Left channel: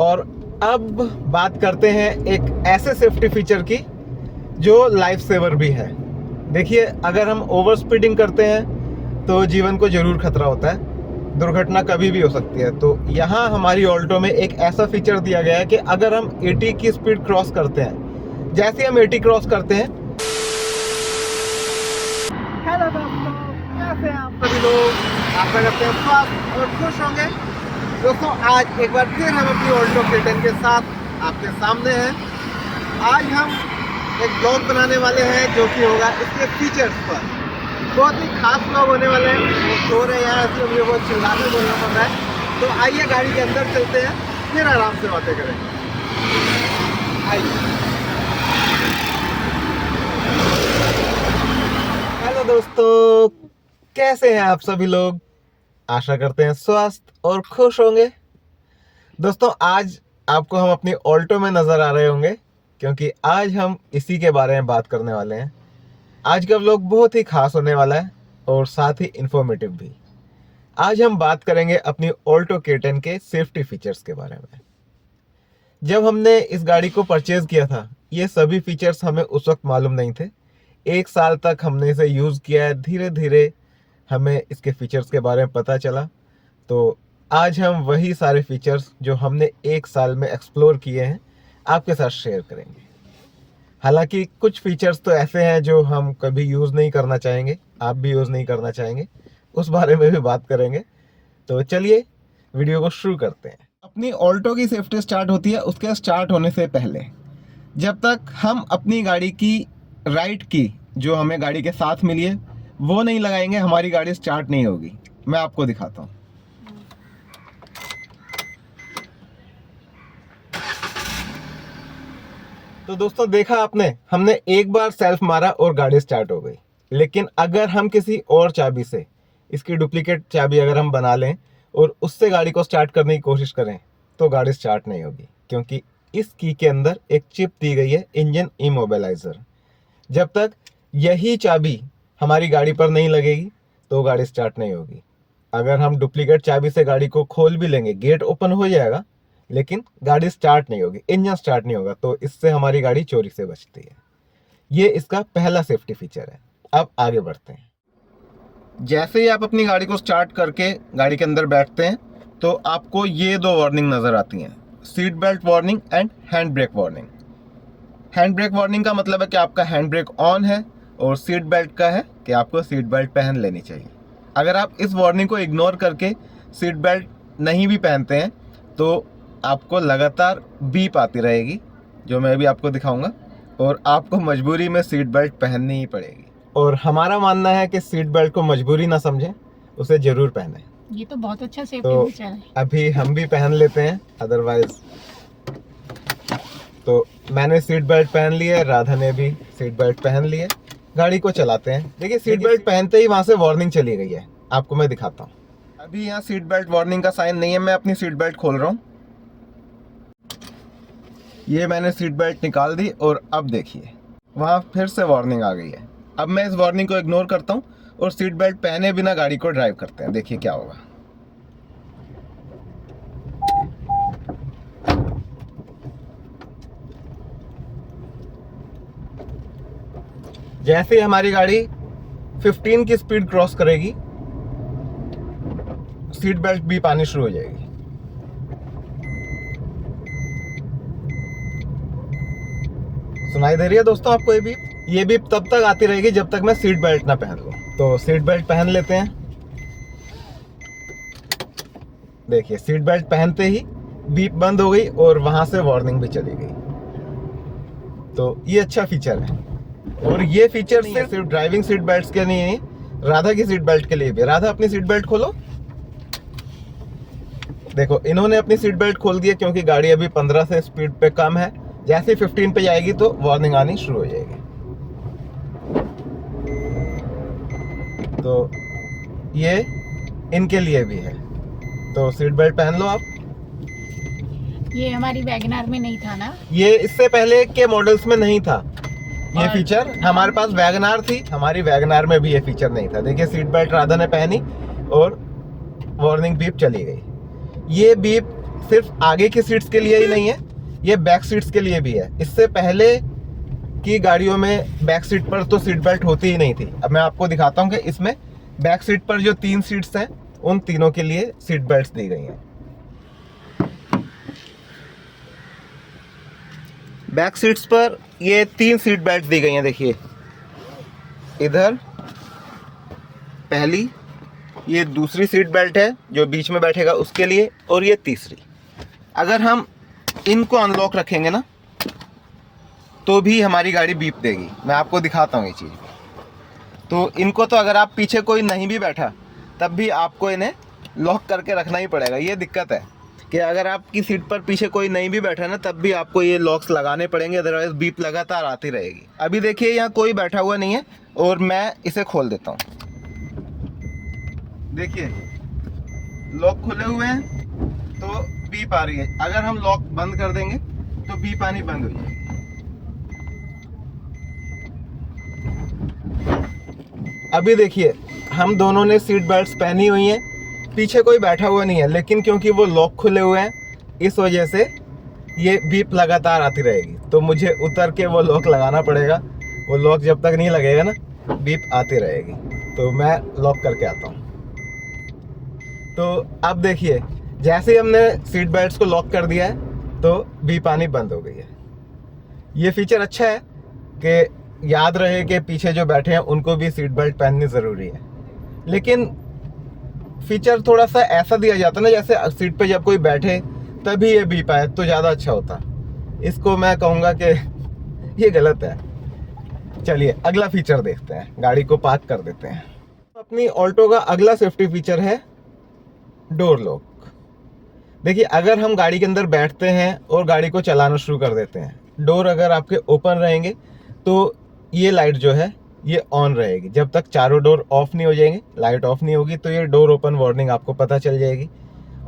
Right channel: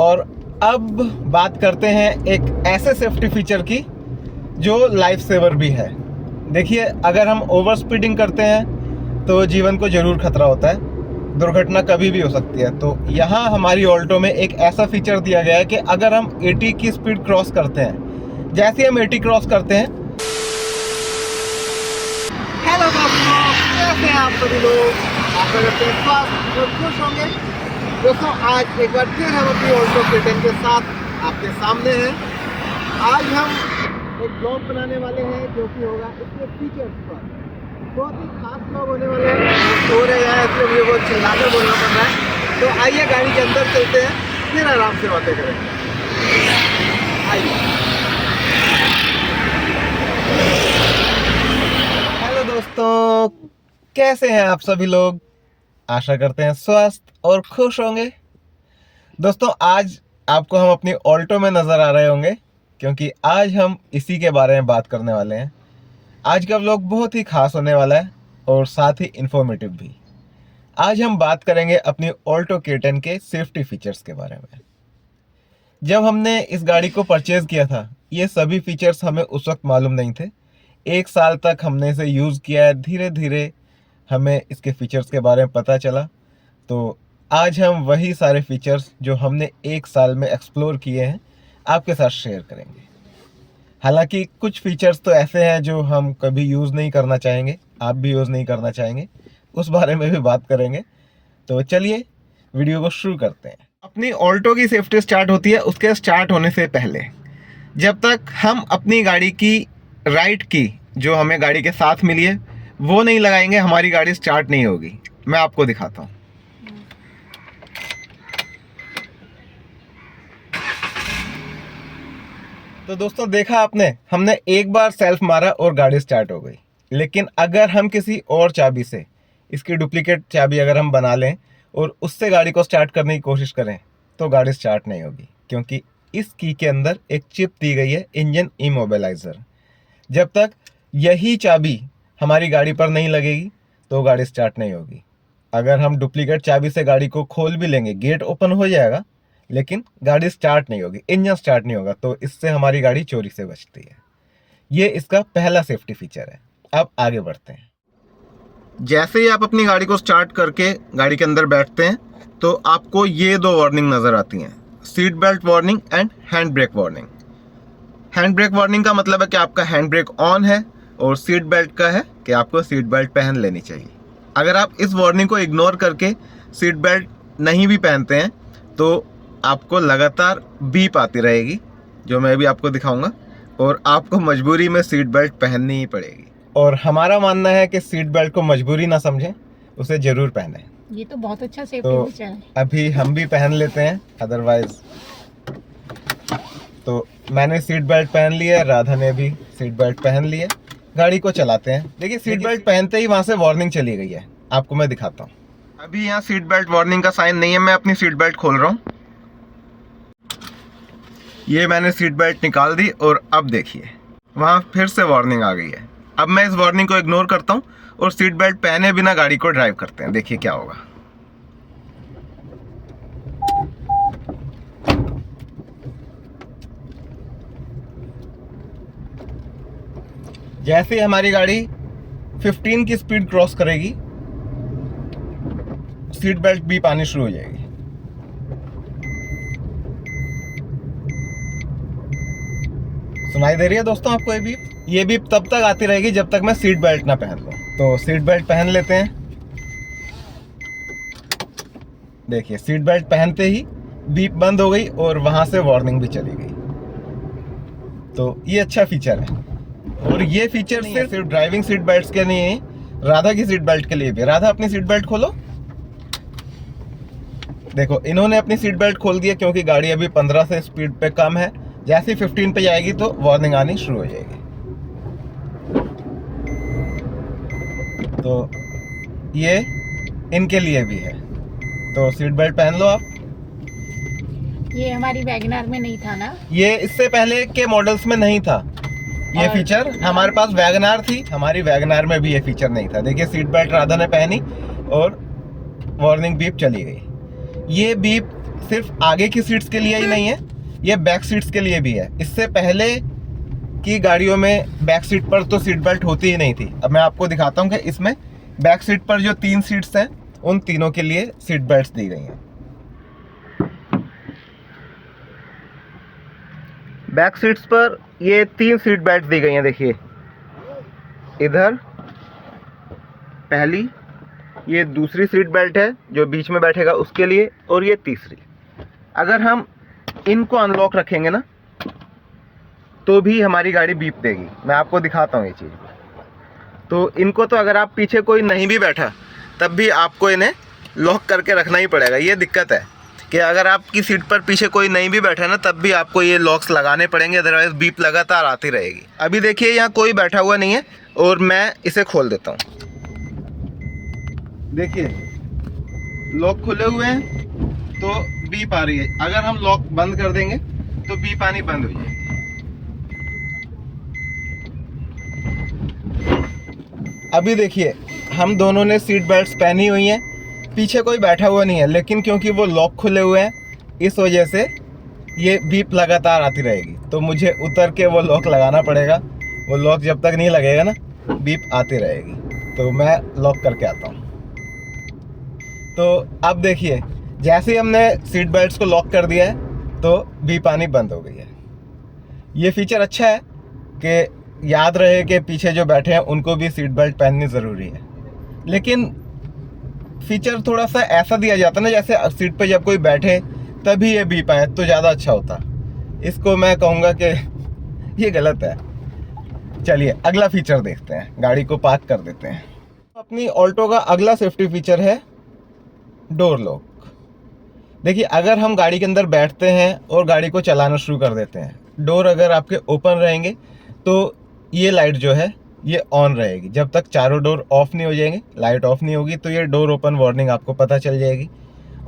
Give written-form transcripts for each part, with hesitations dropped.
और अब बात करते हैं एक ऐसे सेफ्टी फीचर की जो लाइफ सेवर भी है। देखिए, अगर हम ओवर स्पीडिंग करते हैं तो जीवन को ज़रूर खतरा होता है, दुर्घटना कभी भी हो सकती है। तो यहाँ हमारी ऑल्टो में एक ऐसा फीचर दिया गया है कि अगर हम 80 की स्पीड क्रॉस करते हैं, जैसे हम 80 क्रॉस करते हैं। हेलो दोस्तों, कैसे हैं आप सभी लोग? आशा करते हैं स्वस्थ और खुश होंगे। दोस्तों, आज एक बार फिर हम अपनी ऑल्टो K10 के साथ आपके सामने हैं। आज हम एक ब्लॉग बनाने वाले हैं जो कि होगा इसके फीचर्स पर। बहुत ही खास ब्लॉग होने वाले हैं। वो सो रहे हैं, इसलिए मुझे बहुत चिल्लाकर बोलना पड़ रहा है। तो आइए गाड़ी के अंदर चलते हैं, फिर आराम से बातें करेंगे। आइए। हेलो दोस्तों, कैसे हैं आप सभी लोग? आशा करते हैं स्वस्थ और खुश होंगे। दोस्तों, आज आपको हम अपनी ऑल्टो में नज़र आ रहे होंगे, क्योंकि आज हम इसी के बारे में बात करने वाले हैं। आज का व्लॉग बहुत ही खास होने वाला है और साथ ही इंफॉर्मेटिव भी। आज हम बात करेंगे अपनी ऑल्टो K10 के सेफ्टी फीचर्स के बारे में। जब हमने इस गाड़ी को परचेज़ किया था, ये सभी फीचर्स हमें उस वक्त मालूम नहीं थे। 1 साल तक हमने इसे यूज़ किया है, धीरे धीरे हमें इसके फीचर्स के बारे में पता चला। तो आज हम वही सारे फीचर्स जो हमने 1 साल में एक्सप्लोर किए हैं आपके साथ शेयर करेंगे। हालांकि कुछ फीचर्स तो ऐसे हैं जो हम कभी यूज़ नहीं करना चाहेंगे, आप भी यूज़ नहीं करना चाहेंगे, उस बारे में भी बात करेंगे। तो चलिए वीडियो को शुरू करते हैं। अपनी ऑल्टो की सेफ्टी स्टार्ट होती है उसके स्टार्ट होने से पहले। जब तक हम अपनी गाड़ी की राइट की जो हमें गाड़ी के साथ मिली है वो नहीं लगाएंगे, हमारी गाड़ी स्टार्ट नहीं होगी। मैं आपको दिखाता हूँ। तो दोस्तों, देखा आपने, हमने एक बार सेल्फ मारा और गाड़ी स्टार्ट हो गई। लेकिन अगर हम किसी और चाबी से, इसकी डुप्लीकेट चाबी अगर हम बना लें और उससे गाड़ी को स्टार्ट करने की कोशिश करें तो गाड़ी स्टार्ट नहीं होगी, क्योंकि इस की के अंदर एक चिप दी गई है, इंजन इमोबिलाइजर। जब तक यही चाबी हमारी गाड़ी पर नहीं लगेगी तो गाड़ी स्टार्ट नहीं होगी। अगर हम डुप्लीकेट चाबी से गाड़ी को खोल भी लेंगे, गेट ओपन हो जाएगा, लेकिन गाड़ी स्टार्ट नहीं होगी, इंजन स्टार्ट नहीं होगा। तो इससे हमारी गाड़ी चोरी से बचती है। ये इसका पहला सेफ्टी फीचर है। अब आगे बढ़ते हैं। जैसे ही आप अपनी गाड़ी को स्टार्ट करके गाड़ी के अंदर बैठते हैं तो आपको ये 2 वार्निंग नज़र आती हैं, seat belt warning and hand brake warning. Hand brake warning का मतलब है कि आपका हैंड ब्रेक ऑन है, और सीट बेल्ट का है कि आपको सीट बेल्ट पहन लेनी चाहिए। अगर आप इस वार्निंग को इग्नोर करके सीट बेल्ट नहीं भी पहनते हैं तो आपको लगातार बीप आती रहेगी, जो मैं भी आपको दिखाऊंगा, और आपको मजबूरी में सीट बेल्ट पहननी ही पड़ेगी। और हमारा मानना है कि सीट बेल्ट को मजबूरी ना समझें, उसे ज़रूर पहनें। ये तो बहुत अच्छा सेफ्टी तो फीचर है। अभी हम भी पहन लेते हैं, अदरवाइज। तो मैंने सीट बेल्ट पहन लिया है, राधा ने भी सीट बेल्ट पहन ली है। गाड़ी को चलाते हैं। देखिए, सीट बेल्ट पहनते ही वहाँ से वार्निंग चली गई है। आपको मैं दिखाता हूँ। अभी यहाँ सीट बेल्ट वार्निंग का साइन नहीं है। मैं अपनी सीट बेल्ट खोल रहा हूँ। ये मैंने सीट बेल्ट निकाल दी और अब देखिए वहाँ फिर से वार्निंग आ गई है। अब मैं इस वार्निंग को इग्नोर करता हूँ और सीट बेल्ट पहने बिना गाड़ी को ड्राइव करते हैं। देखिए क्या होगा। जैसे हमारी गाड़ी 15 की स्पीड क्रॉस करेगी, सीट बेल्ट बीप आनी शुरू हो जाएगी। सुनाई दे रही है दोस्तों आपको ये बीप? ये बीप तब तक आती रहेगी जब तक मैं सीट बेल्ट ना पहन लूं। तो सीट बेल्ट पहन लेते हैं। देखिए, सीट बेल्ट पहनते ही बीप बंद हो गई और वहां से वार्निंग भी चली गई। तो ये अच्छा फीचर है। और ये फीचर सिर्फ ड्राइविंग सीट बेल्ट के नहीं, राधा की सीट बेल्ट के लिए भी। राधा, अपनी सीट बेल्ट खोलो। देखो, इन्होंने अपनी सीट बेल्ट खोल दिया क्योंकि गाड़ी अभी 15 से स्पीड पे कम है। जैसे 15 पे जाएगी तो वार्निंग आनी शुरू हो जाएगी। तो ये इनके लिए भी है। तो सीट बेल्ट पहन लो आप। ये हमारी वैगनार में नहीं था ना? ये इससे पहले के मॉडल्स में नहीं था ये फीचर। हमारे पास वैगनार थी, हमारी वैगनार में भी ये फीचर नहीं था। देखिए, सीट बेल्ट राधा ने पहनी और वार्निंग बीप चली गई। ये बीप सिर्फ आगे की सीट्स के लिए ही नहीं है, ये बैक सीट्स के लिए भी है। इससे पहले की गाड़ियों में बैक सीट पर तो सीट बेल्ट होती ही नहीं थी। अब मैं आपको दिखाता हूँ कि इसमें बैक सीट पर जो 3 सीट्स हैं उन तीनों के लिए सीट बेल्ट्स दी गई हैं। बैक सीट्स पर ये 3 सीट बेल्ट दी गई हैं। देखिए इधर पहली, ये दूसरी सीट बेल्ट है जो बीच में बैठेगा उसके लिए, और ये तीसरी। अगर हम इनको अनलॉक रखेंगे ना तो भी हमारी गाड़ी बीप देगी। मैं आपको दिखाता हूँ ये चीज़। तो इनको तो अगर आप पीछे कोई नहीं भी बैठा तब भी आपको इन्हें लॉक करके रखना ही पड़ेगा। ये दिक्कत है कि अगर आपकी सीट पर पीछे कोई नहीं भी बैठा ना तब भी आपको ये लॉक्स लगाने पड़ेंगे, अदरवाइज बीप लगातार आती रहेगी। अभी देखिए यहाँ कोई बैठा हुआ नहीं है और मैं इसे खोल देता हूँ। देखिए लॉक खुले हुए हैं तो बीप आ रही है। अगर हम लॉक बंद कर देंगे तो बीप आनी बंद हो जाएगी। अभी देखिए हम दोनों ने सीट बेल्ट्स पहनी हुई हैं, पीछे कोई बैठा हुआ नहीं है, लेकिन क्योंकि वो लॉक खुले हुए हैं इस वजह से ये बीप लगातार आती रहेगी। तो मुझे उतर के वो लॉक लगाना पड़ेगा। वो लॉक जब तक नहीं लगेगा ना बीप आती रहेगी। तो मैं लॉक करके आता हूँ। तो अब देखिए जैसे ही हमने सीट बेल्ट्स को लॉक कर दिया है तो बीप आनी बंद हो गई है। ये फीचर अच्छा है कि याद रहे कि पीछे जो बैठे हैं उनको भी सीट बेल्ट पहननी ज़रूरी है। लेकिन फीचर थोड़ा सा ऐसा दिया जाता है ना जैसे सीट पे जब कोई बैठे तभी ये बीप आए तो ज़्यादा अच्छा होता। इसको मैं कहूँगा कि ये गलत है। चलिए अगला फीचर देखते हैं, गाड़ी को पार्क कर देते हैं। अपनी ऑल्टो का अगला सेफ्टी फीचर है डोर लॉक। देखिए अगर हम गाड़ी के अंदर बैठते हैं और गाड़ी को चलाना शुरू कर देते हैं, डोर अगर आपके ओपन रहेंगे तो ये लाइट जो है ये ऑन रहेगी। जब तक चारों डोर ऑफ नहीं हो जाएंगे, लाइट ऑफ नहीं होगी, तो ये डोर ओपन वार्निंग आपको पता चल जाएगी।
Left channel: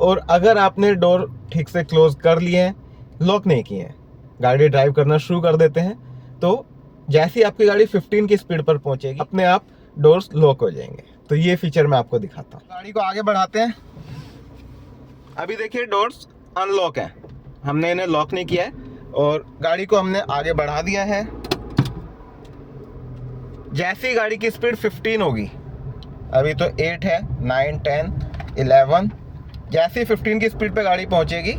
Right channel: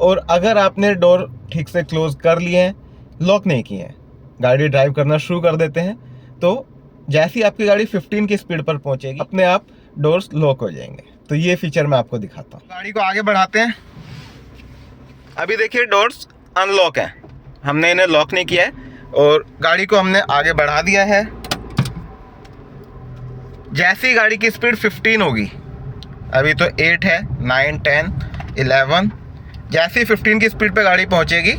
और अगर आपने डोर ठीक से क्लोज कर लिए हैं, लॉक नहीं किए हैं, गाड़ी ड्राइव करना शुरू कर देते हैं, तो जैसे ही आपकी गाड़ी 15 की स्पीड पर पहुंचेगी अपने आप डोर्स लॉक हो जाएंगे। तो ये फीचर मैं आपको दिखाता हूँ। गाड़ी को आगे बढ़ाते हैं। अभी देखिए डोर्स अनलॉक हैं, हमने इन्हें लॉक नहीं किया है और गाड़ी को हमने आगे बढ़ा दिया है। जैसे ही गाड़ी की स्पीड 15 होगी, अभी तो 8 है, 9, 10, 11, जैसे ही 15 की स्पीड पे गाड़ी पहुंचेगी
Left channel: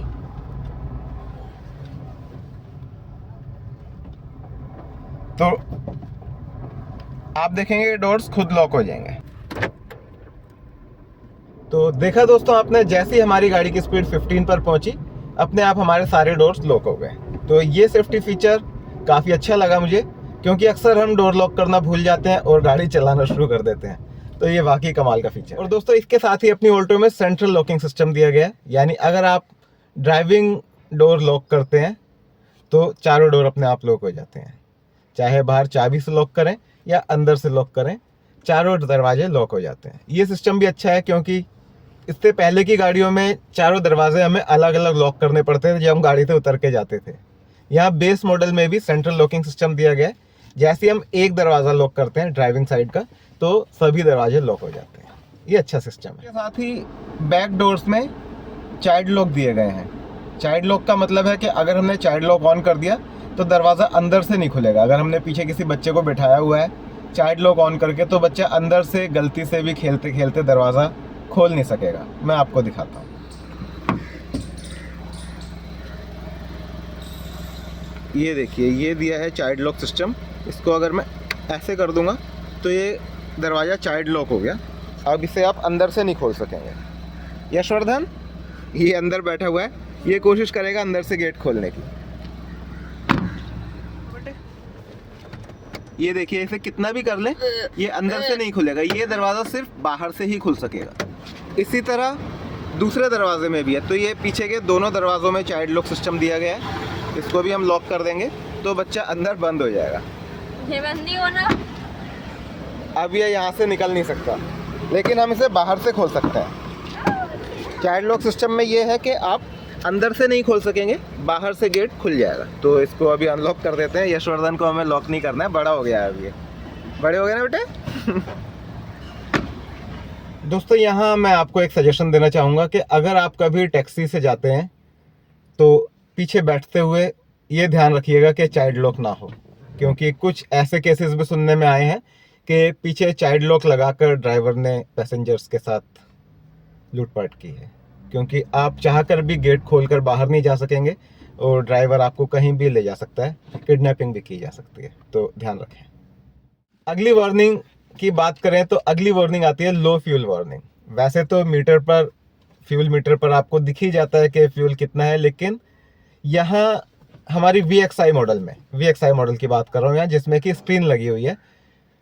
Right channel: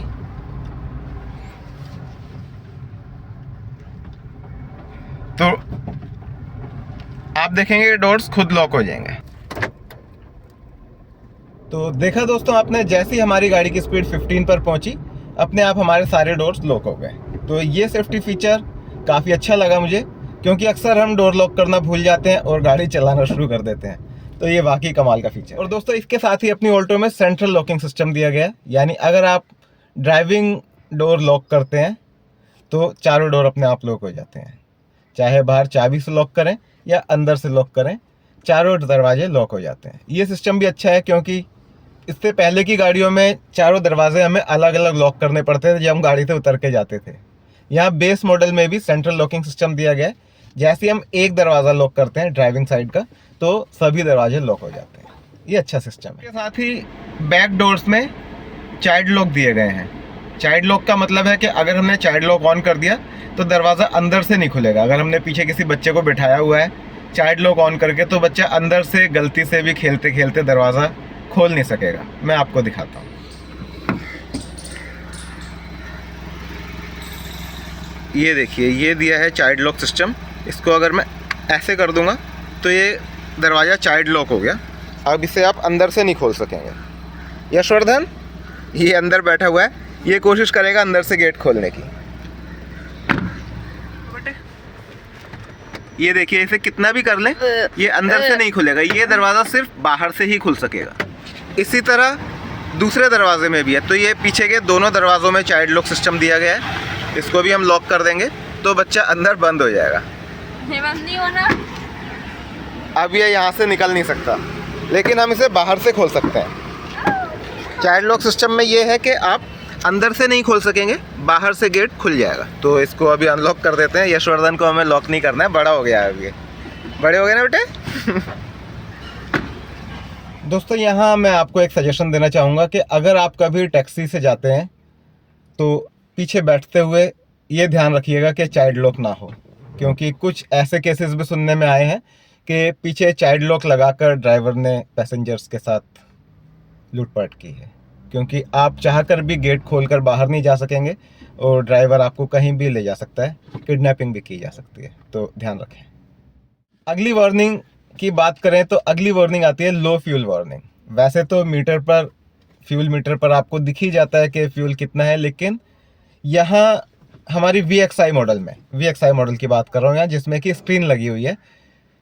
तो आप देखेंगे कि डोर्स खुद लॉक हो जाएंगे। तो देखा दोस्तों आपने, जैसे ही हमारी गाड़ी की स्पीड 15 पर पहुंची अपने आप हमारे सारे डोर्स लॉक हो गए। तो ये सेफ्टी फीचर काफ़ी अच्छा लगा मुझे, क्योंकि अक्सर हम डोर लॉक करना भूल जाते हैं और गाड़ी चलाना शुरू कर देते हैं। तो ये वाकई कमाल का फीचर। और दोस्तों इसके साथ ही अपनी ऑल्टो में सेंट्रल लॉकिंग सिस्टम दिया गया है, यानी अगर आप ड्राइविंग डोर लॉक करते हैं तो चारों डोर अपने आप लॉक हो जाते हैं। चाहे बाहर चाबी से लॉक करें या अंदर से लॉक करें, चारों दरवाजे लॉक हो जाते हैं। ये सिस्टम भी अच्छा है क्योंकि इससे पहले की गाड़ियों में चारों दरवाजे हमें अलग अलग लॉक करने पड़ते थे जब हम गाड़ी से उतर के जाते थे। यहाँ बेस मॉडल में भी सेंट्रल लॉकिंग सिस्टम दिया गया है। जैसे हम एक दरवाज़ा लॉक करते हैं ड्राइविंग साइड का तो सभी दरवाजे लॉक हो जाते हैं। ये अच्छा सिस्टम है। इसके साथ ही बैक डोर्स में चाइल्ड लॉक दिए गए हैं। चाइल्ड लॉक का मतलब है कि अगर हमने चाइल्ड लॉक ऑन कर दिया तो दरवाज़ा अंदर से नहीं खुलेगा। अगर हमने पीछे किसी बच्चे को बिठाया हुआ है चाइल्ड लॉक ऑन करके तो बच्चा अंदर से गलती से भी खेलते खेलते दरवाज़ा खोल नहीं सकेगा। मैं आपको दिखाता हूँ। ये देखिए, ये दिया है चाइल्ड लॉक सिस्टम। इसको अगर मैं ऐसे कर दूंगा तो ये दरवाज़ा चाइल्ड लॉक हो गया। अब इसे आप अंदर से नहीं खोल सकेंगे। यशवर्धन ये अंदर बैठा हुआ है, ये कोशिश करेगा अंदर से गेट खोलने की। ये देखिए, इसे कितना भी कर लें ये अंदर से नहीं खुलेगा। ये दरवाज़ा सिर्फ बाहर से ही खुल सकेगा। इसी तरह दूसरे दरवाजे में भी है। तो ये पीछे के दोनों दरवाज़ों में चाइल्ड लॉक सिस्टम दिया गया है। इसको भी हम लॉक कर देंगे तो बच्चा अंदर बंद हो जाएगा। अब ये यहाँ से निकल नहीं सकता, लेकिन हम इसे बाहर से खोल सकते हैं। चाइल्ड लॉक सिस्टम में ये है कि आप अंदर से नहीं खोल सकेंगे, बाहर से गेट खुल जाएगा। तो इसको अभी अनलॉक कर देते हैं। यशवर्धन को हमें लॉक नहीं करना है, बड़ा हो गया है अभी। बड़े हो गए ना बेटे। दोस्तों यहाँ मैं आपको एक सजेशन देना चाहूँगा कि अगर आप कभी टैक्सी से जाते हैं तो पीछे बैठते हुए ये ध्यान रखिएगा कि चाइल्ड लॉक ना हो, क्योंकि कुछ ऐसे केसेस भी सुनने में आए हैं कि पीछे चाइल्ड लॉक लगाकर ड्राइवर ने पैसेंजर्स के साथ लूटपाट की है। क्योंकि आप चाहकर भी गेट खोलकर बाहर नहीं जा सकेंगे और ड्राइवर आपको कहीं भी ले जा सकता है, किडनैपिंग भी की जा सकती है, तो ध्यान रखें। अगली वार्निंग की बात करें तो अगली वार्निंग आती है लो फ्यूल वार्निंग। वैसे तो फ्यूल मीटर पर आपको दिख ही जाता है कि फ्यूल कितना है, लेकिन यहाँ हमारी VXI मॉडल की बात कर रहा हूँ यहाँ, जिसमें कि स्क्रीन लगी हुई है।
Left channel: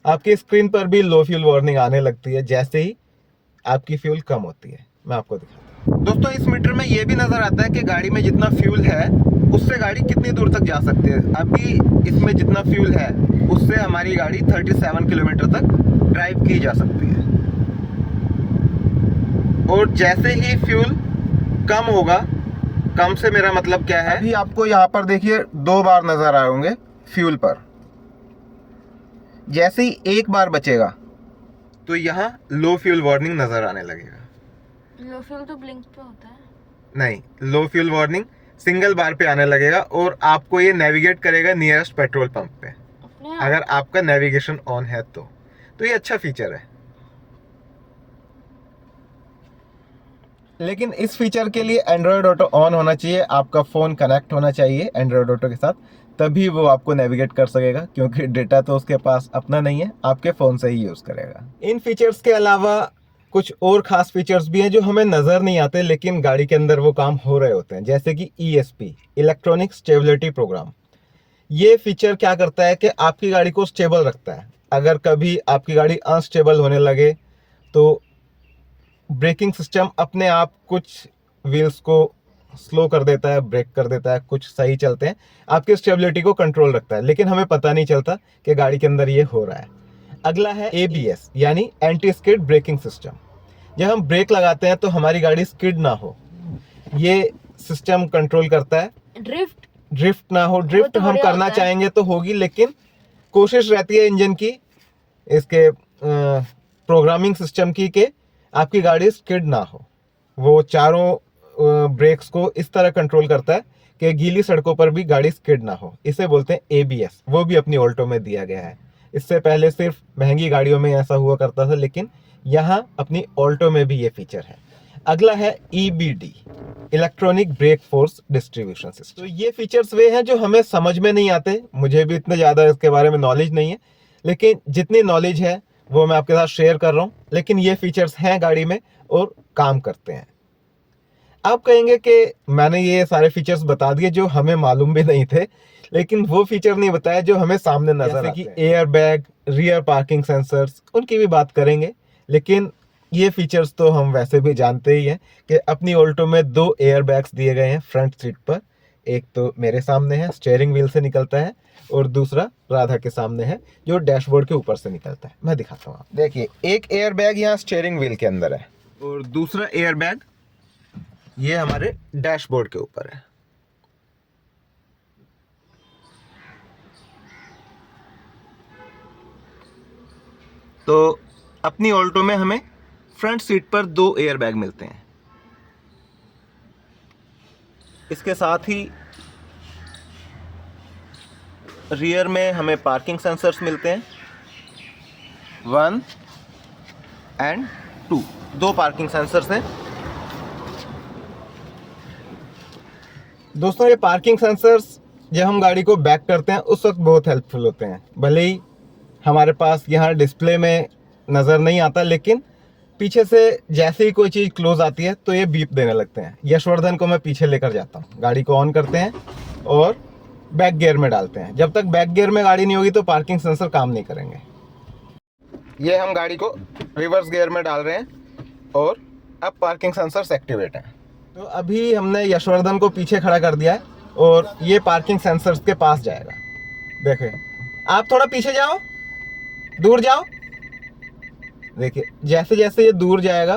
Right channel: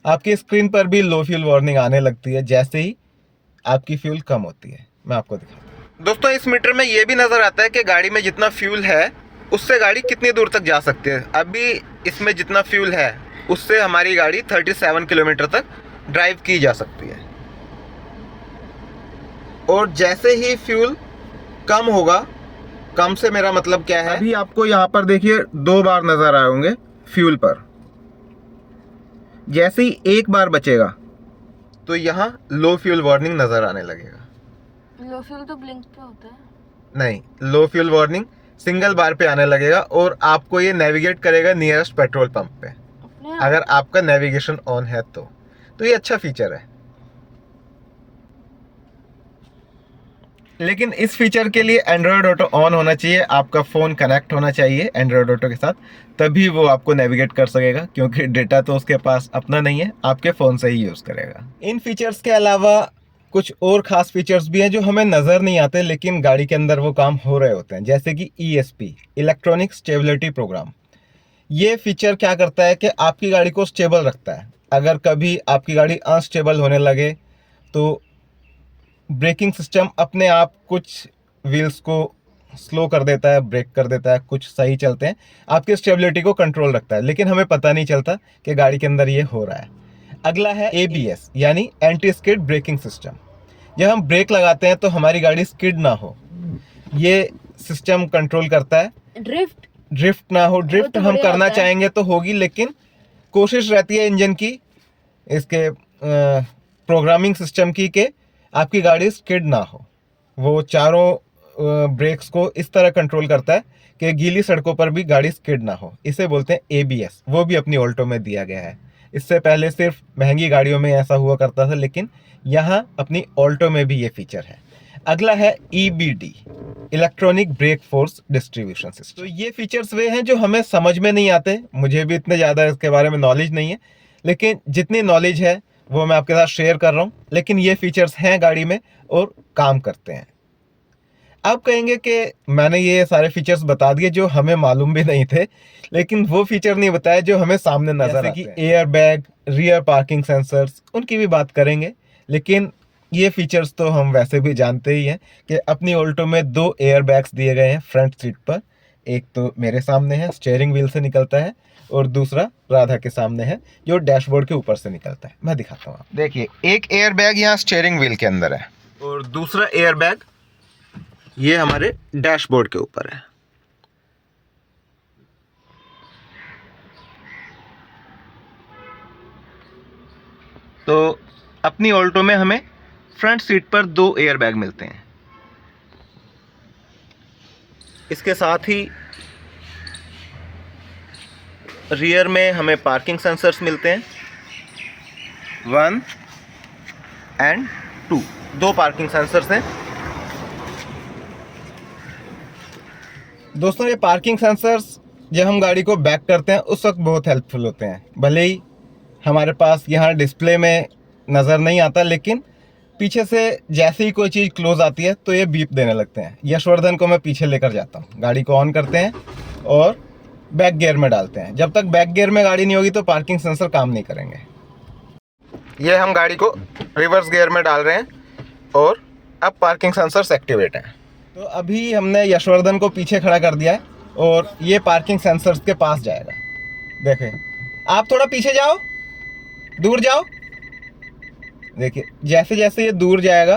आपकी स्क्रीन पर भी लो फ्यूल वार्निंग आने लगती है जैसे ही आपकी फ्यूल कम होती है। मैं आपको दिखाता हूँ। दोस्तों, इस मीटर में ये भी नज़र आता है कि गाड़ी में जितना फ्यूल है उससे गाड़ी कितनी दूर तक जा सकती है। अभी इसमें जितना फ्यूल है उससे हमारी गाड़ी 37 किलोमीटर तक ड्राइव की जा सकती है। और जैसे ही फ्यूल कम होगा, कम से मेरा मतलब क्या है, अभी आपको यहाँ पर देखिए 2 बार नज़र आए होंगे फ्यूल पर। जैसे ही एक बार बचेगा तो यहाँ लो फ्यूल वार्निंग नज़र आने लगेगा। लो फ्यूल तो ब्लिंक पे होता है। नहीं, लो फ्यूल वार्निंग सिंगल बार पे आने लगेगा और आपको ये नेविगेट करेगा नियरेस्ट पेट्रोल पंप पे, अपने अगर आपका नेविगेशन ऑन है तो ये अच्छा फीचर है। लेकिन इस फीचर के लिए एंड्रॉयड ऑटो ऑन होना चाहिए, आपका फ़ोन कनेक्ट होना चाहिए एंड्रॉयड ऑटो के साथ, तभी वो आपको नेविगेट कर सकेगा, क्योंकि डेटा तो उसके पास अपना नहीं है, आपके फ़ोन से ही यूज़ करेगा। इन फीचर्स के अलावा कुछ और ख़ास फीचर्स भी हैं जो हमें नज़र नहीं आते, लेकिन गाड़ी के अंदर वो काम हो रहे होते हैं, जैसे कि ESP, इलेक्ट्रॉनिक स्टेबिलिटी प्रोग्राम। ये फीचर क्या करता है कि आपकी गाड़ी को स्टेबल रखता है। अगर कभी आपकी गाड़ी अनस्टेबल होने लगे तो ब्रेकिंग सिस्टम अपने आप कुछ व्हील्स को स्लो कर देता है, ब्रेक कर देता है, कुछ सही चलते हैं, आपकी स्टेबिलिटी को कंट्रोल रखता है, लेकिन हमें पता नहीं चलता कि गाड़ी के अंदर ये हो रहा है। अगला है ABS यानी एंटी स्किड ब्रेकिंग सिस्टम। जब हम ब्रेक लगाते हैं तो हमारी गाड़ी स्किड ना हो, ये सिस्टम कंट्रोल करता है। ड्रिफ्ट ना हो, ड्रिफ्ट तो हम बढ़िया करना होता है। चाहेंगे तो होगी, लेकिन कोशिश रहती है इंजन की, इसके प्रोग्रामिंग सिस्टम की, कि आपकी गाड़ी स्किड ना हो। वो चारों ब्रेक्स को इस तरह कंट्रोल करता है कि गीली सड़कों पर भी गाड़ी स्किड ना हो। इसे बोलते हैं ABS, वो भी अपनी ऑल्टो में दिया गया है। इससे पहले सिर्फ महंगी गाड़ियों में ऐसा हुआ करता था, लेकिन यहाँ अपनी ऑल्टो में भी ये फीचर है। अगला है EBD, electronic brake force distribution system. तो ये फीचर्स वे हैं जो हमें समझ में नहीं आते, मुझे भी इतने ज़्यादा इसके बारे में नॉलेज नहीं है, लेकिन जितनी नॉलेज है वो मैं आपके साथ शेयर कर रहा हूँ। लेकिन ये फीचर्स हैं गाड़ी में और काम करते हैं। आप कहेंगे कि मैंने ये सारे फीचर्स बता दिए जो हमें मालूम भी नहीं थे, लेकिन वो फीचर नहीं बताया जो हमें सामने नजर आते हैं, जैसे कि air bag, rear parking sensors, उनकी भी बात करेंगे। लेकिन ये फीचर्स तो हम वैसे भी जानते ही हैं कि अपनी ऑल्टो में 2 एयर बैग्स दिए गए हैं फ्रंट सीट पर। एक तो मेरे सामने है, स्टीयरिंग व्हील से निकलता है, और दूसरा राधा के सामने है जो डैशबोर्ड के ऊपर से निकलता है। मैं दिखाता हूँ, देखिए एक एयर बैग यहाँ स्टीयरिंग व्हील के अंदर है और दूसरा एयर बैग ये हमारे डैशबोर्ड के ऊपर है। तो अपनी ऑल्टो में हमें फ्रंट सीट पर 2 एयर बैग मिलते हैं। इसके साथ ही रियर में हमें पार्किंग सेंसर्स मिलते हैं, 1 एंड 2, 2 पार्किंग सेंसर्स हैं। दोस्तों, ये पार्किंग सेंसर्स जब हम गाड़ी को बैक करते हैं उस वक्त बहुत हेल्पफुल होते हैं। भले ही हमारे पास यहाँ डिस्प्ले में नज़र नहीं आता, लेकिन पीछे से जैसे ही कोई चीज़ क्लोज आती है तो ये बीप देने लगते हैं। यशवर्धन को मैं पीछे लेकर जाता हूँ, गाड़ी को ऑन करते हैं और बैक गियर में डालते हैं। जब तक बैक गियर में गाड़ी नहीं होगी तो पार्किंग सेंसर काम नहीं करेंगे। ये हम गाड़ी को रिवर्स गियर में डाल रहे हैं और अब पार्किंग सेंसर्स एक्टिवेट हैं। तो अभी हमने यशवर्धन को पीछे खड़ा कर दिया है और ये पार्किंग सेंसर्स के पास जाएगा। देखिए, आप थोड़ा पीछे जाओ, दूर जाओ। देखिए, जैसे जैसे ये दूर जाएगा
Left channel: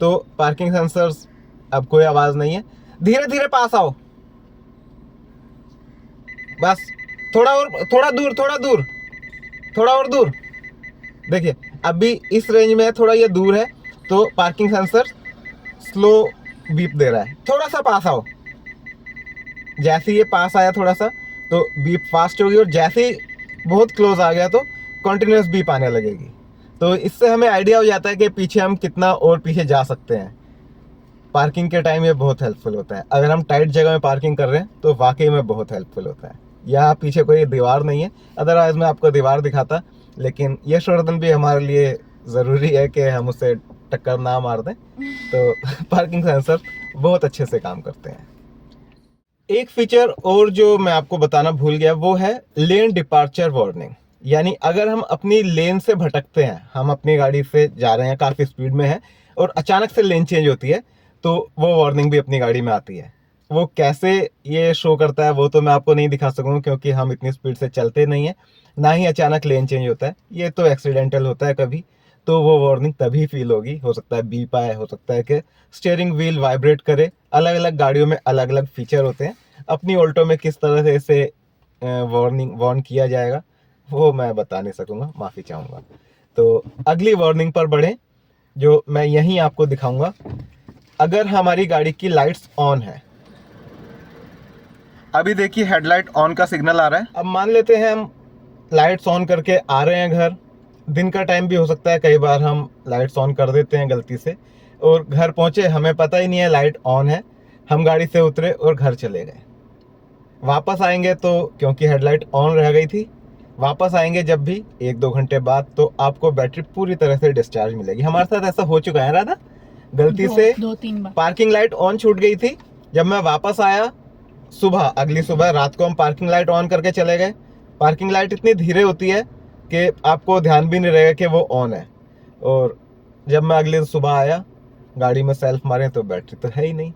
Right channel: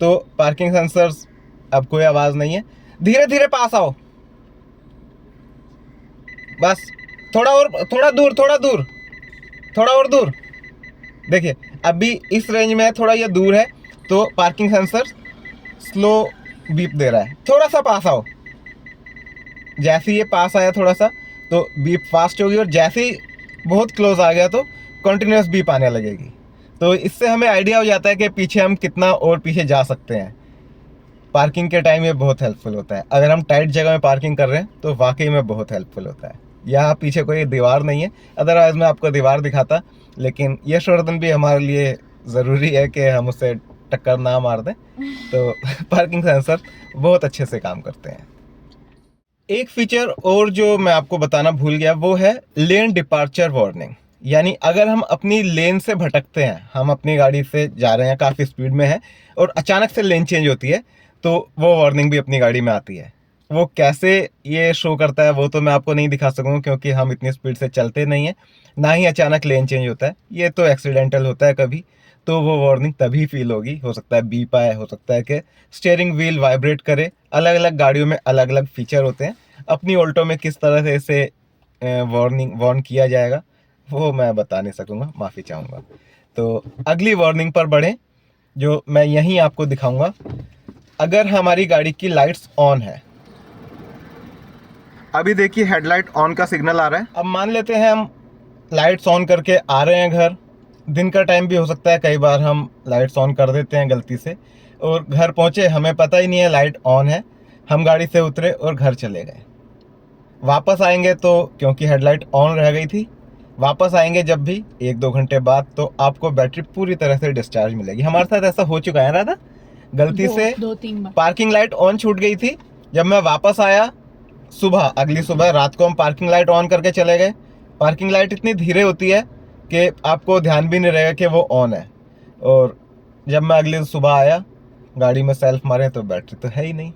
तो पार्किंग सेंसर्स, अब कोई आवाज़ नहीं है। धीरे धीरे पास आओ, बस थोड़ा और, थोड़ा दूर, थोड़ा और दूर। देखिए, अभी इस रेंज में है, थोड़ा ये दूर है तो पार्किंग सेंसर स्लो बीप दे रहा है। थोड़ा सा पास आओ, जैसे ही ये पास आया थोड़ा सा तो बीप फास्ट होगी, और जैसे ही बहुत क्लोज आ गया तो कंटिन्यूस बीप आने लगेगी। तो इससे हमें आइडिया हो जाता है कि पीछे हम कितना और पीछे जा सकते हैं। पार्किंग के टाइम ये बहुत हेल्पफुल होता है। अगर हम टाइट जगह में पार्किंग कर रहे हैं तो वाकई में बहुत हेल्पफुल होता है। यहाँ पीछे कोई दीवार नहीं है, अदरवाइज मैं आपको दीवार दिखाता, लेकिन ये शोरदन भी हमारे लिए ज़रूरी है कि हम उससे टक्कर ना मार दें। तो पार्किंग सेंसर बहुत अच्छे से काम करते हैं। एक फीचर और जो मैं आपको बताना भूल गया वो है लेन डिपार्चर वार्निंग। यानी अगर हम अपनी लेन से भटकते हैं, हम अपनी गाड़ी से जा रहे हैं, काफ़ी स्पीड में है और अचानक से लेन चेंज होती है, तो वो वार्निंग भी अपनी गाड़ी में आती है। वो कैसे ये शो करता है वो तो मैं आपको नहीं दिखा सकूंगा, क्योंकि हम इतनी स्पीड से चलते नहीं हैं, ना ही अचानक लेन चेंज होता है। ये तो एक्सीडेंटल होता है कभी, तो वो वार्निंग तभी फील होगी। हो सकता है बीप आए, हो सकता है कि स्टीयरिंग व्हील वाइब्रेट करे। अलग अलग गाड़ियों में अलग अलग फीचर होते हैं। अपनी ऑल्टो में किस तरह से इसे वार्न किया जाएगा वो मैं बता नहीं सकूंगा, माफ़ी चाहूँगा। तो अगली वार्निंग पर बढ़ें, जो मैं यहीं आपको दिखाऊंगा। अगर हमारी गाड़ी की लाइट्स ऑन है, अभी देखिए हेडलाइट ऑन का सिग्नल आ रहा है। अब मान लेते हैं हम लाइट्स ऑन करके आ रहे हैं घर, दिन का टाइम भी हो सकता है, कई बार हम लाइट्स ऑन कर देते हैं गलती से, और घर पहुंचे हमें पता ही नहीं है लाइट ऑन है, हम गाड़ी से उतरे और घर चले गए। वापस आएंगे तो क्योंकि हेडलाइट ऑन रह गई थी, वापस आएंगे जब भी 1-2 घंटे बाद, तो आपको बैटरी पूरी तरह से डिस्चार्ज मिलेगी। हमारे साथ ऐसा हो चुका है राधा, गलती से 2-3 बार पार्किंग लाइट ऑन छूट गई थी। जब मैं वापस आया सुबह, अगली सुबह रात को हम पार्किंग लाइट ऑन करके चले गए। पार्किंग लाइट इतनी धीरे होती है कि आपको ध्यान भी नहीं रहेगा कि वो ऑन है, और जब मैं अगली सुबह आया गाड़ी में सेल्फ मारे तो बैटरी तो है ही नहीं।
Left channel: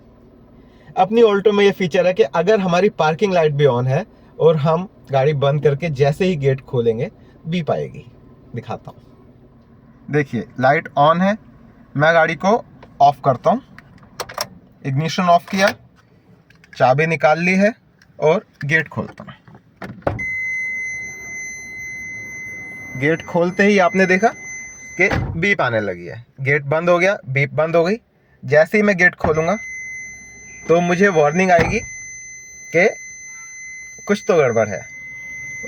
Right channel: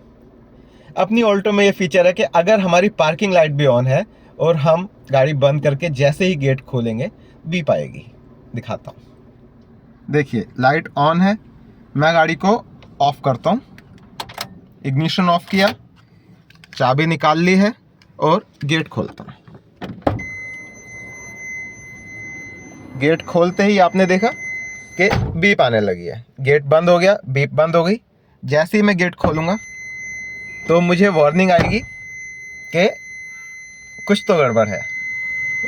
अपनी ऑल्टो में ये फीचर है कि अगर हमारी पार्किंग लाइट भी ऑन है और हम गाड़ी बंद करके जैसे ही गेट खोलेंगे बीप आएगी। दिखाता हूँ, देखिए लाइट ऑन है, मैं गाड़ी को ऑफ करता हूँ। इग्निशन ऑफ किया, चाबी निकाल ली है और गेट खोलता हूँ। गेट खोलते ही आपने देखा कि बीप आने लगी है। गेट बंद हो गया, बीप बंद हो गई। जैसे ही मैं गेट खोलूँगा तो मुझे वार्निंग आएगी कि कुछ तो गड़बड़ है,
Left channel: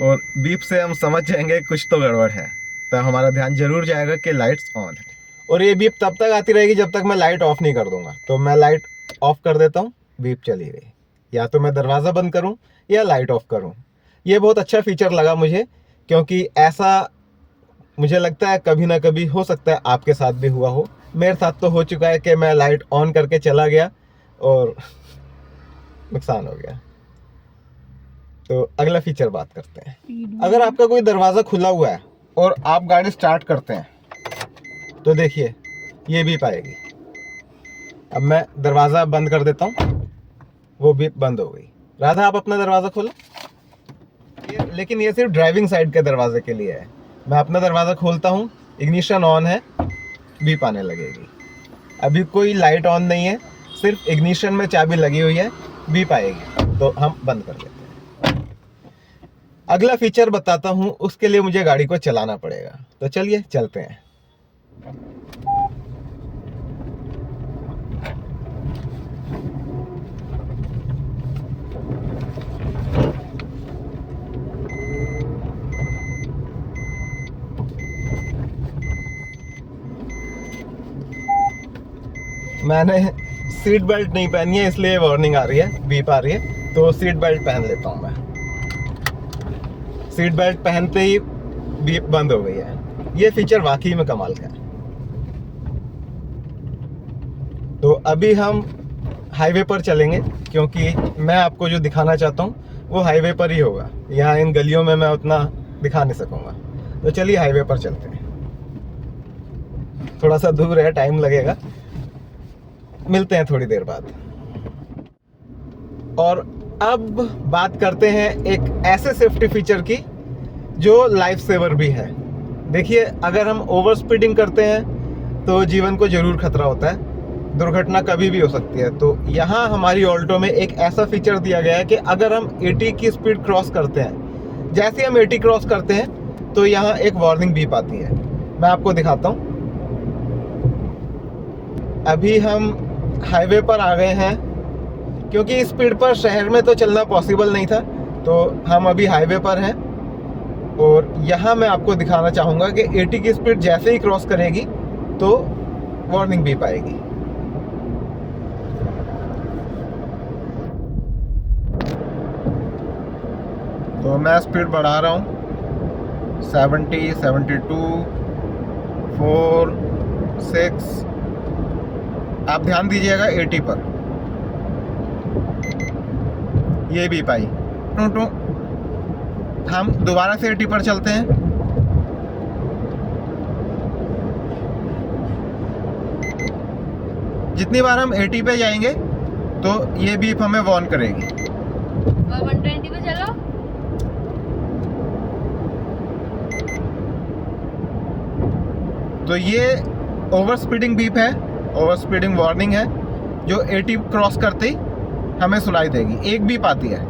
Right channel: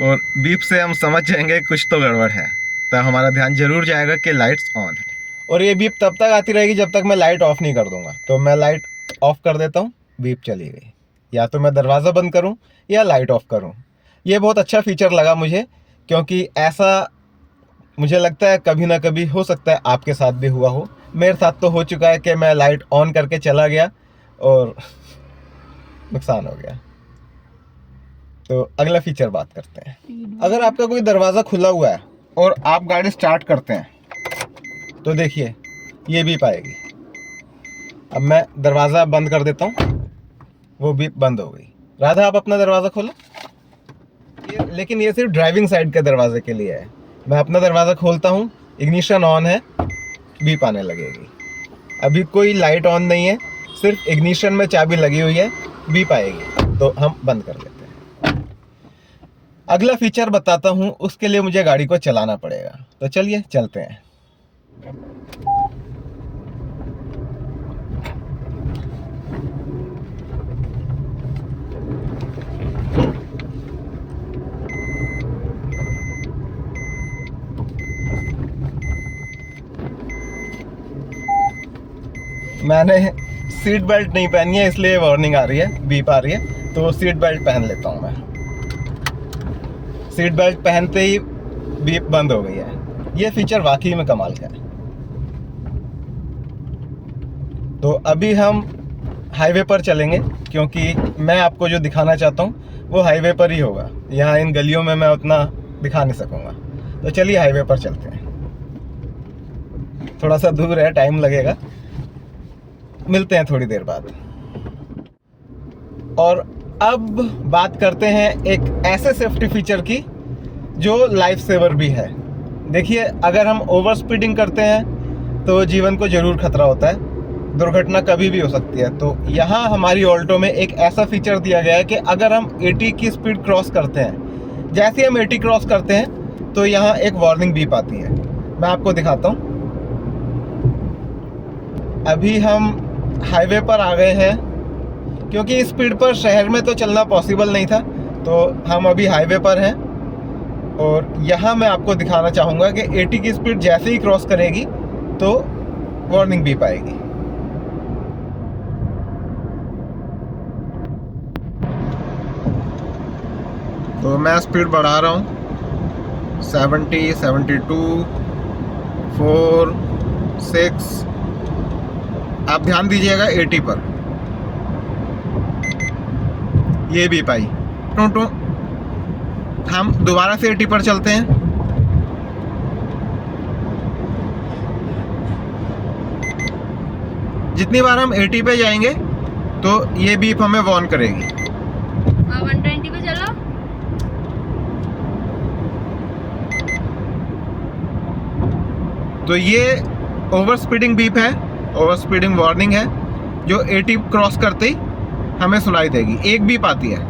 और बीप से हम समझ जाएंगे कुछ तो गड़बड़ है, तो हमारा ध्यान जरूर जाएगा कि लाइट्स ऑन है। और ये बीप तब तक आती रहेगी जब तक मैं लाइट ऑफ नहीं कर दूंगा। तो मैं लाइट ऑफ कर देता हूँ, बीप चली गई। या तो मैं दरवाज़ा बंद करूँ या लाइट ऑफ करूँ। ये बहुत अच्छा फीचर लगा मुझे, क्योंकि ऐसा मुझे लगता है कभी ना कभी हो सकता है आपके साथ भी हुआ हो। मेरे साथ तो हो चुका है कि मैं लाइट ऑन करके चला गया और नुकसान हो गया। तो अगला फीचर बात करते हैं। अगर आपका कोई दरवाज़ा खुला हुआ है और आप गाड़ी स्टार्ट करते हैं तो देखिए ये बीप आएगी। अब मैं दरवाज़ा बंद कर देता हूँ, वो बीप बंद हो गई। राधा आप अपना दरवाज़ा खोलो। लेकिन ये सिर्फ ड्राइविंग साइड के दरवाजे के लिए है। मैं अपना दरवाज़ा खोलता हूँ, इग्निशन ऑन है, बीप आने लगेगी। अभी कोई लाइट ऑन नहीं है, सिर्फ इग्निशन में चाबी लगी हुई है, बीप आएगी, तो हम बंद कर लेते हैं। अगला फीचर बताता हूँ, उसके लिए मुझे गाड़ी को चलाना पड़ेगा। तो चलिए चलते हैं। मैंने सीट बेल्ट नहीं पहनी है, इसलिए वार्निंग आ रही है, बीप आ रही है। तो सीट बेल्ट पहन लेता हूँ मैं। सीट बेल्ट पहनते ही बीप बंद हो गई है। ये फीचर वाकई में कमाल का है। तो अभी हम हाईवे पर चलेंगे, क्योंकि मैं आपको जो दिखाना चाहता हूँ वो हाईवे पर ही होगा। यहाँ इन गलियों में मैं उतना दिखा नहीं सकूँगा। तो चलिए हाईवे पर चलते हैं। थोड़ा सा दूर है, टाइम लगेगा, मिलते हैं थोड़ी देर बाद। और अब बात करते हैं एक ऐसे सेफ्टी फीचर की जो लाइफ सेवर भी है। देखिए अगर हम ओवर स्पीडिंग करते हैं तो जीवन को जरूर खतरा होता है, दुर्घटना कभी भी हो सकती है। तो यहाँ हमारी ऑल्टो में एक ऐसा फीचर दिया गया है कि अगर हम 80 की स्पीड क्रॉस करते हैं, जैसे हम 80 क्रॉस करते हैं तो यहाँ एक वार्निंग बीप आती है। मैं आपको दिखाता हूँ। अभी हम हाईवे पर आ गए हैं क्योंकि इस स्पीड पर शहर में तो चलना पॉसिबल नहीं था, तो हम अभी हाईवे पर हैं। और यहाँ मैं आपको दिखाना चाहूँगा कि 80 की स्पीड जैसे ही क्रॉस करेगी तो वार्निंग बीप आएगी। तो मैं स्पीड बढ़ा रहा हूँ 70, 72, 4, 6। आप ध्यान दीजिएगा 80 पर, ये भी पाई टू। हम दोबारा से 80 पर चलते हैं। जितनी बार हम 80 पे जाएंगे तो ये बीप हमें वार्न करेगी। 120 पे चलो। तो ये ओवर स्पीडिंग बीप है, ओवर स्पीडिंग वार्निंग है, जो 80 क्रॉस करते ही हमें सुनाई देगी। एक बीप आती है।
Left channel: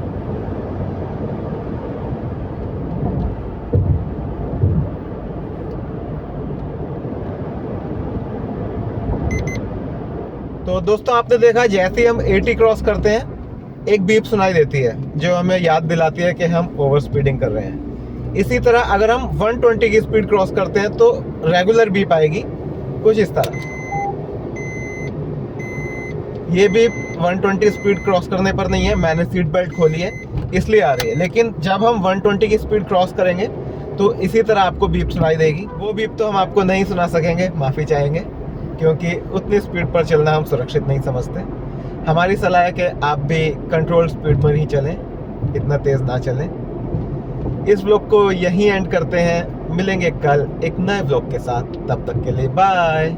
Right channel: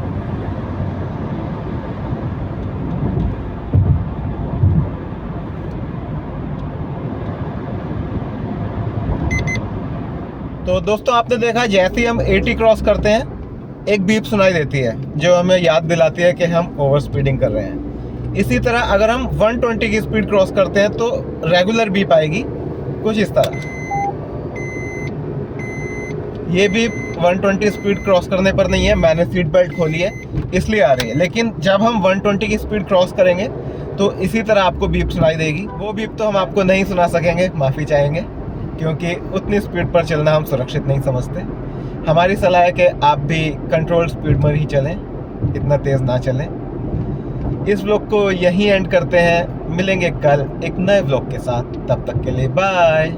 तो दोस्तों आपने देखा, जैसे ही हम 80 क्रॉस करते हैं एक बीप सुनाई देती है जो हमें याद दिलाती है कि हम ओवर स्पीडिंग कर रहे हैं। इसी तरह अगर हम 120 की स्पीड क्रॉस करते हैं तो रेगुलर बीप आएगी कुछ इस तरह। ये बीप 120 स्पीड क्रॉस करने पर नहीं है, मैंने सीट बेल्ट खोली है इसलिए आ रही है। लेकिन जब हम 120 की स्पीड क्रॉस करेंगे तो इसी तरह आपको बीप सुनाई देगी। वो बीप तो हम आपको नहीं सुना सकेंगे, माफ़ी चाहेंगे, क्योंकि उतनी स्पीड पर चलना हम सुरक्षित नहीं समझते। हमारी सलाह है कि आप भी कंट्रोल स्पीड पर ही चलें, इतना तेज़ ना चलें। इस व्लॉग को यहीं एंड करते हैं, मिलेंगे कल एक नए व्लॉग के साथ। तब तक के लिए बाय।